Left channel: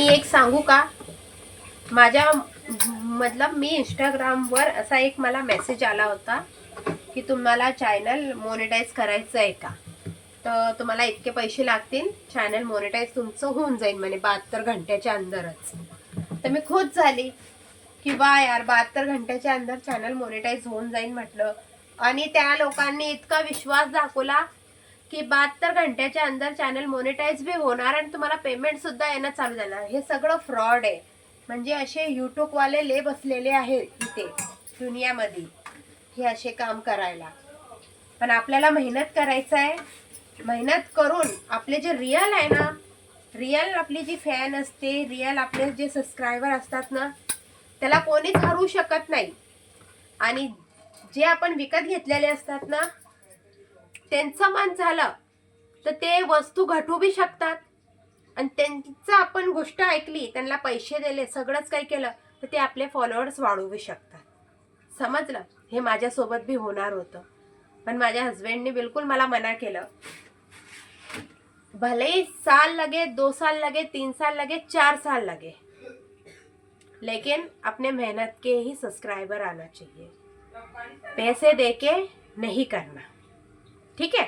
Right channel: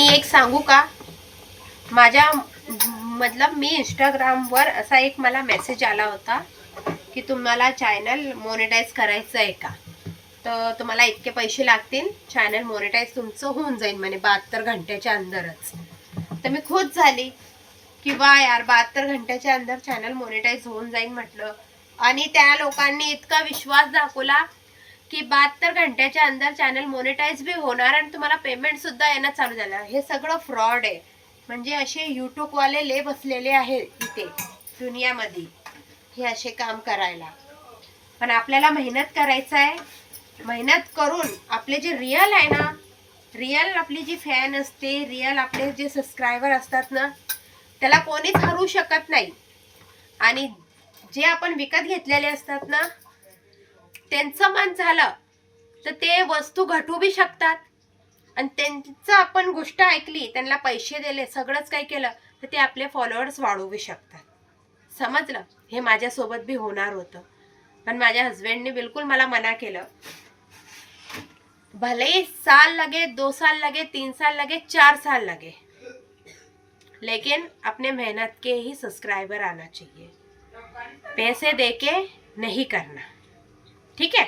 मी एक सांगू का, माझ्या मतलब मी इंस्टाग्रामवर असा एक मला मेसेज आला होता की तुम्हाला चॅनल मोनेटाईज करायचं आहे का, तर तुम्हाला इतके पैसे लागतील, चॅनल मोनेटाईज तुमचं होऊन जाईल म्हणे 72 घंट्याच्या अंदरच. तर मी खुश झाली की वा यार, 72 घंट्याच्या अंदर चॅनल मोनेटाईज होऊन जाईल म्हटलं. आणि त्या लोकांनी इतका विश्वास दाखवला की 72 घंट्याच्या अंदर चॅनल मोनेटाईज भी होणार आणि तुम्हाला पेमेंट सुद्धा येणं चालू झालं. हे सगळं फ्रॉड आहे. म्हणजे असे यूट्यूब वाले ले बसलेले आहेत इथे दुनियामध्ये हे असे काम करायला. पण आपल्याला मेहनत करायचं आहे. मेहनत करून आपले जे रिअल आहे ना, रिअल आपली जी फॅन असते, रिअल आपले जे सबस्क्रायबर असतात ना, त्याला कोणीच हरू शकत नाही. आणि जे आपण विकत घेतलेले असतात ना, त्यांचं मन झालं तर ते वस्तू घटू बी शकतात. आणि त्यांचं आपण गोष्ट ऐकली, त्यांना पैसे दिले, सगळंच काही केलं, तर ते आपले फॉलोअर्स वाढवू बी शकतात. समजलं? हे माझ्यासोबत बी होणार होतं. पण माझ्या हस्बंडने बिलकुल मला मना केलं. भले ही साल लगे, 2 साल लगे, 3 साल लगे, 4 साल लगे, लेकिन अपने मेहनत के ही सब्सक्राइबर आना चाहिए. पैसे देके नहीं करना. ठीक है.